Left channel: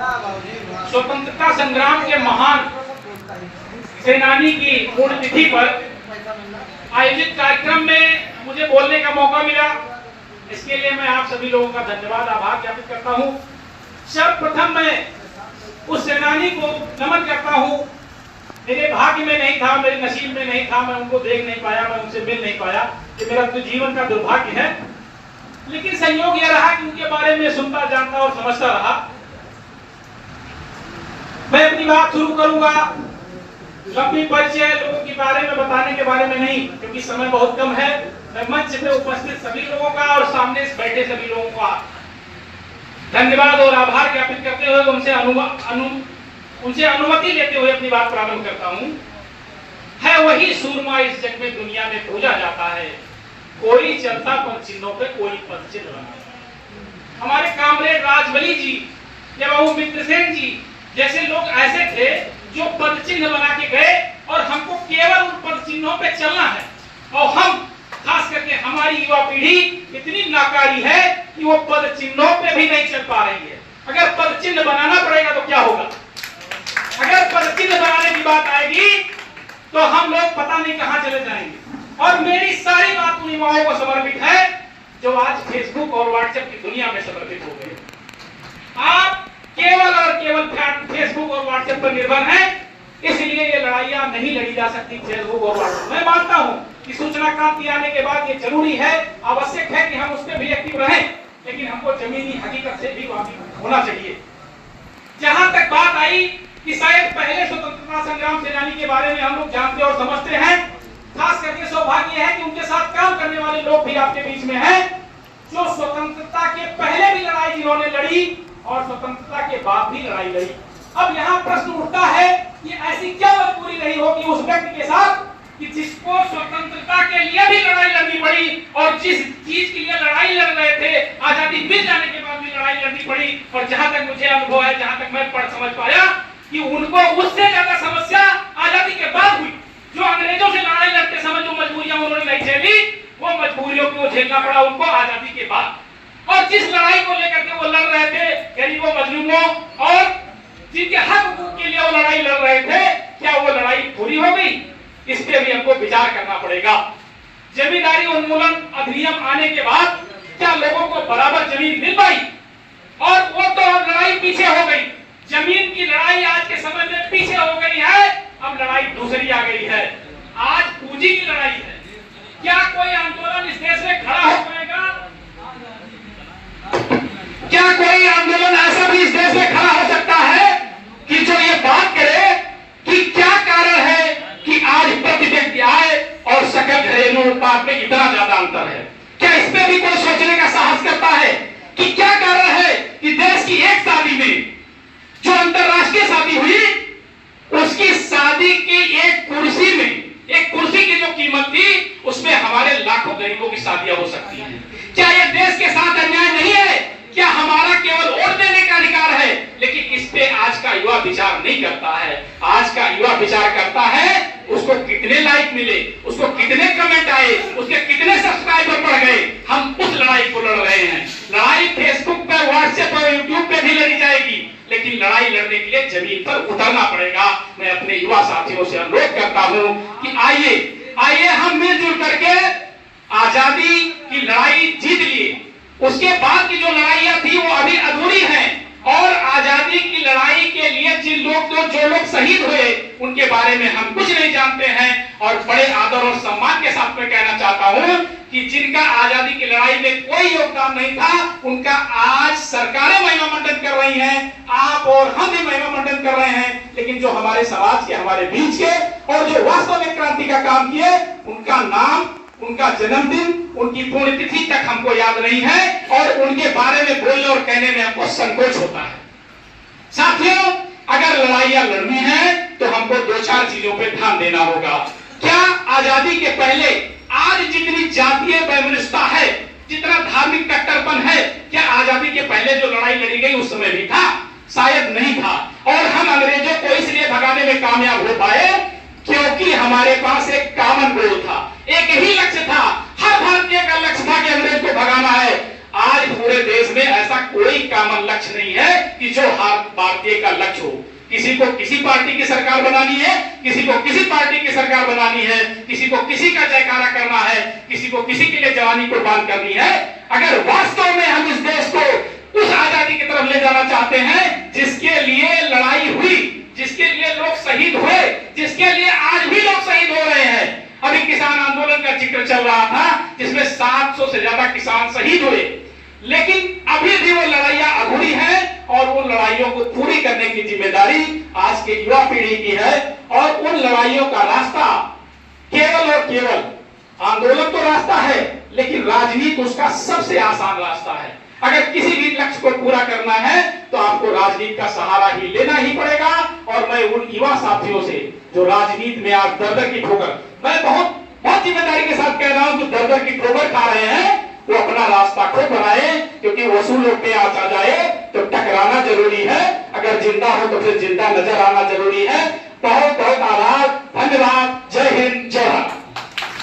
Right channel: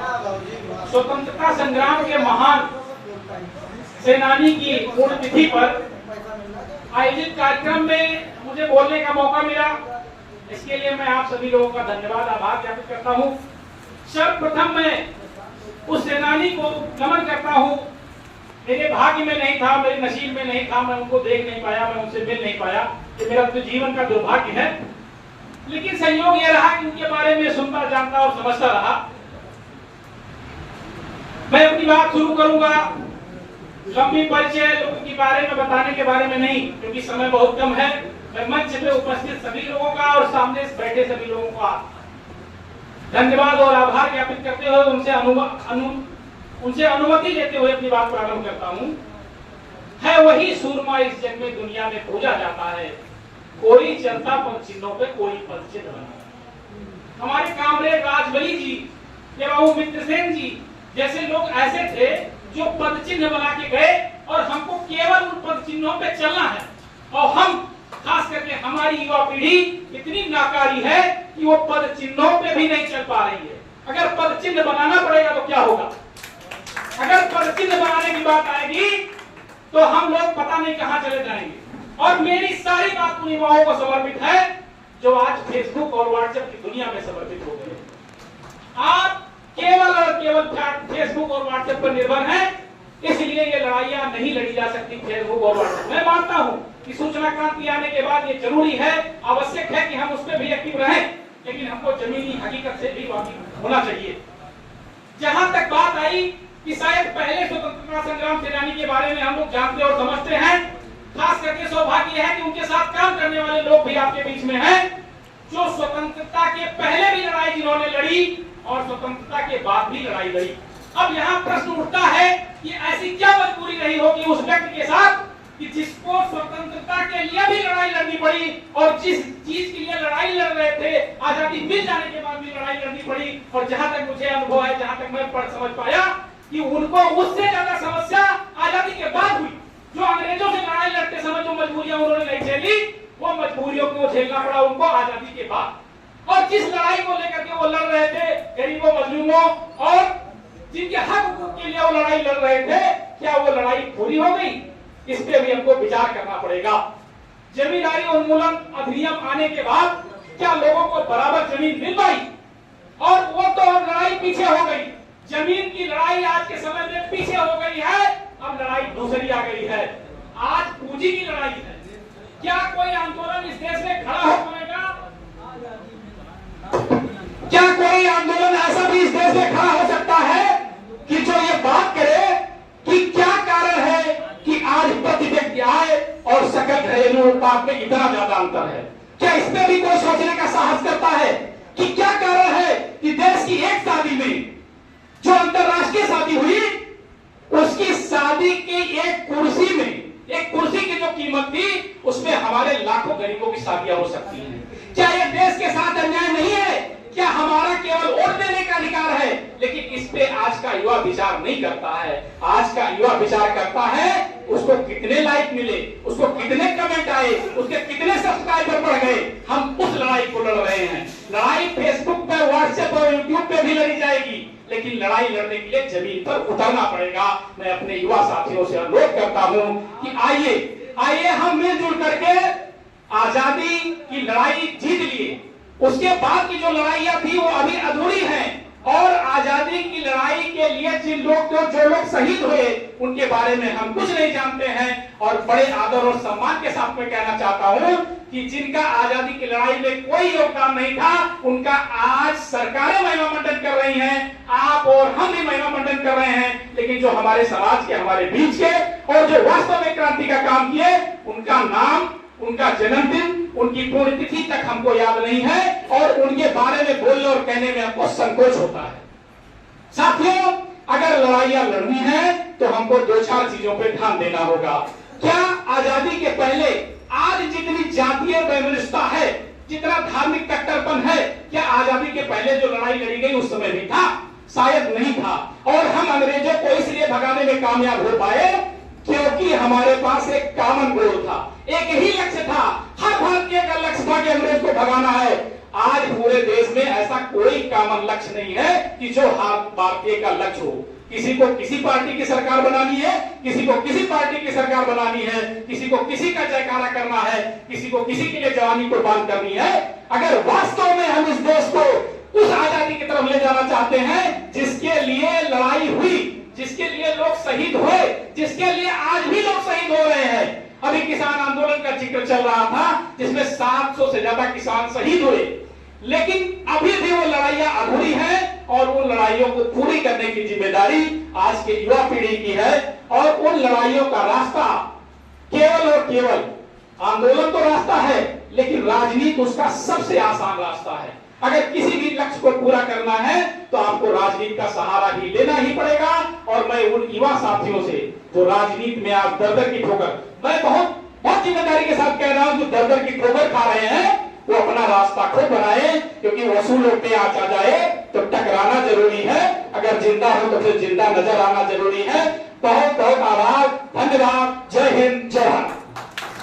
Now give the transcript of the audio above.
स्वतंत्रता संग्राम के महान सेनानी की पुण्यतिथि पर आयोजित कार्यक्रम में मुझे बोलने का मौका मिला। इसके लिए मैं आप सभी लोगों का धन्यवाद आभार ज्ञापित करता हूं। सर्वप्रथम मैं उस सेनानी को नमन करता हूं। मेरे भाग्य में नहीं था, मेरे नसीब में नहीं था, मैं उनको देख नहीं पाया, मैं उनसे मिल नहीं पाया। ये मेरा तो जीवन का दुर्भाग्य है। लेकिन संयोग यह रहा कि उनके बारे में सुनता, जानता और समझता रहा। मैं अपनी बात शुरू करूंगा लंबी परिचय लोगों के बारे में बताने के बारे में नहीं, क्योंकि समय बहुत कम है। मैं मंच पे उपस्थित सभी लोगों का और सामने बैठे सभी लोगों का धन्यवाद और आभार ज्ञापित करते हुए उनसे अनुमति लेते हुए अपनी बात प्रारंभ करता हूं। है वही सूरमा इस जग में दुनिया में खोजा जाता है, कोई चलता पद चिन्हों पे कोई पद चिन्ह बना। हमारे कामरेड राजबली जी या बाबू मित्रसेन जी जैसे लोग ऐसे थे जो पद चिन्ह बना के गए और हमको केवल उन पद चिन्हों पे चलना है। और हम खास करके हमारी युवा पीढ़ी इतनी नाकारी है कि वो पद चिन्हों पे भी नहीं चल पा रही है। अगर पद चिन्ह बनाना पड़ेगा तो क्या होगा? अगर पद चिन्ह बनाने की बात आएगी तो हम लोग पता नहीं कहां चले जाएंगे। और मेरी सारी बात उन युवाओं को समर्पित है जो आज फेसबुक और व्हाट्सएप की दुनिया में समर्पित हो गए। आप केवल और केवल फेसबुक और व्हाट्सएप पर निर्भर हैं, इसलिए ये लड़ाइयां नहीं लड़ी जा सकती फेसबुक और व्हाट्सएप। मैं मानता हूं कि सूचना क्रांति आने के बाद ये जरूरी है, आवश्यक है कि हम उस पर भी एक्टिव रहें, लेकिन हमको जमीनी हकीकत से भी वाकिफ होना चाहिए। जहां तक बात आई कि शायद पहले स्वतंत्रता संग्राम सेनानी के बारे में हम लोग जानते और समझते हैं, खास करके सौभाग्य है कि उनके साथ काम करने वाले लोग भी आपके बीच में हैं, जो स्वतंत्रता के पहले भी लड़ाई जिन्होंने लड़ी और स्वतंत्रता के बाद भी लड़ाई लड़ी। अब यहाँ प्रश्न उठता है कि ऐसी क्या मजबूरी रही होगी उस व्यक्ति के साथ कि जिसको स्वतंत्रता के लिए भी लड़ाई लड़नी पड़ी और जिस चीज के लिए लड़ाई लड़ रहे थे आजादी मिल जाने के बाद भी लड़ाई लड़नी पड़ी। और जहां तक मुझे अनुभव है, जहां तक मैं पढ़ समझ पाया कि उनको उससे ज्यादा समस्या आजादी के बाद हुई। जो अंग्रेजों से लड़ाई लड़ते समय जो मजबूरियां उन्होंने नहीं झेली, वो मजबूरियों को झेलना पड़ा उनको आजादी के बाद। और जिस लड़ाई को लेकर के वो लड़ रहे थे गरीबों, मजलूमों और जिनके हक हकूक के लिए वो लड़ाई लड़ रहे थे, क्या वो लड़ाई पूरी हो गई? इस पे भी हमको विचार करना पड़ेगा। जमींदारी उन्मूलन अधिनियम आने के बाद क्या लोगों को बराबर जमीन मिल पाई? और वो तो लड़ाई पीछे हो गई। जमीन की लड़ाई आज के समय में पीछे हो गई है, अब लड़ाई दूसरी आ गई है। आज पूंजी की लड़ाई है। क्या कोई आंदोलन इस देश में खड़ा हो पाएगा? क्या कोई आंदोलन ऐसा भी इस देश में खड़ा हो सकता है कि जो ये बात करे कि क्या कारण है कि आज प्रति व्यक्ति आय और सकल घरेलू उत्पाद में इतना ज्यादा अंतर है? क्या इस पे भी कोई सोचने का साहस करता है कि क्या कारण है कि देश की एक शादी में जो अंतरराष्ट्रीय शादी हुई, उसकी शादी की एक कुर्सी में, एक कुर्सी की जो कीमत थी, उसमें हमारे लाखों गरीबों की शादियां हो सकती हैं? क्या यह देश के साथ अन्याय नहीं है? क्या हमारा केवल वोट देने का अधिकार है? लेकिन इस पे आज का युवा विचार नहीं करता है। आज का युवा विचार करता है उसको कितने लाइक मिले, उसको कितने कमेंट आए, उसके कितने सब्सक्राइबर बढ़ गए। हम उस लड़ाई को लड़ रहे हैं। लड़ाई फेसबुक पे, व्हाट्सएप और यूट्यूब पे भी लड़ी जाएगी, लेकिन लड़ाई लड़ने के लिए जमीन पर उतरना पड़ेगा। मैं अपने युवा साथियों से अनुरोध करता हूं कि आइए हम मिलजुल करके आजादी की लड़ाई जीत लिए। उसके बाद की जो लड़ाइयां थी वो अभी अधूरी हैं। और आजादी की लड़ाई के लिए जो लोग शहीद हुए उनके बारे में हम कुछ नहीं जानते हैं। और बड़े आदर और सम्मान के साथ मैं कहना चाहता हूं कि जिनका आजादी की लड़ाई में कोई योगदान नहीं था, उनका आज सरकारें महिमा मंडन कर रही हैं, आप और हम भी महिमा मंडन कर रहे हैं। लेकिन जो हमारे समाज के, हमारे बीच के और जो वास्तव में क्रांति का काम किए, उनका नाम, उनका जन्मदिन, उनकी पुण्यतिथि तक हमको याद नहीं है और उनके बारे में बोलने और कहने में हमको संकोच होता है। साथियों, अगर लड़ाइयां लड़नी है तो हमको 2-4 चीजों पे ध्यान देना होगा। क्या आजादी के पहले आज जितनी जातीय वैमनस्यता है, जितना धार्मिक कट्टरपन है, क्या आजादी के पहले जो लड़ाई लड़ी गई उस समय भी था? शायद नहीं था। और हम अंग्रेजों को इसलिए भगाने में कामयाब हो पाए क्योंकि हमारे पास एक कॉमन गोल था, एक ही लक्ष्य था। हर भारतीय का लक्ष्य था कि अंग्रेज को भगाना है। आज पूरे देश में ऐसा कोई कॉमन लक्ष्य नहीं है कि जो हर भारतीय का लक्ष्य हो। किसी को किसी पार्टी की सरकार बनानी है, किसी को किसी पार्टी की सरकार बनानी है, किसी को किसी का जयकारा करना है, किसी को किसी के लिए जवानी कुर्बान करनी है। अगर वास्तव में हम इस देश को उस आजादी की तरफ ले जाना चाहते हैं जिसके लिए लड़ाई हुई, जिसके लिए लोग शहीद हुए, जिसके लिए आज भी लोग शहीद हो रहे हैं। अभी किसान आंदोलन का जिक्र चल रहा था जिसमें 700 से ज्यादा किसान शहीद हुए, लेकिन अभी भी वो लड़ाइयां अधूरी हैं और उन लड़ाइयों को पूरी करने की जिम्मेदारी आज के युवा पीढ़ी की है। और उन लड़ाइयों का रास्ता केवल और केवल आंदोलन तो रास्ता है, लेकिन राजनीति उसका सबसे आसान रास्ता है। अगर किसी भी लक्ष्य को पूरा करना है तो आपको राजनीति का सहारा ही लेना ही पड़ेगा। और मैं उन युवा साथियों से जो राजनीति में आज दर-दर की ठोकर, मैं बहुत जिम्मेदारी के साथ कह रहा हूं कि दर-दर की ठोकर खा रहे हैं, वो अपना रास्ता खुद बनाए, क्योंकि वसूलों पे आ जाए तो टकराना जरूरी है। अगर जिंदा हो तो फिर जिंदा नजर आना जरूरी है। बहुत बहुत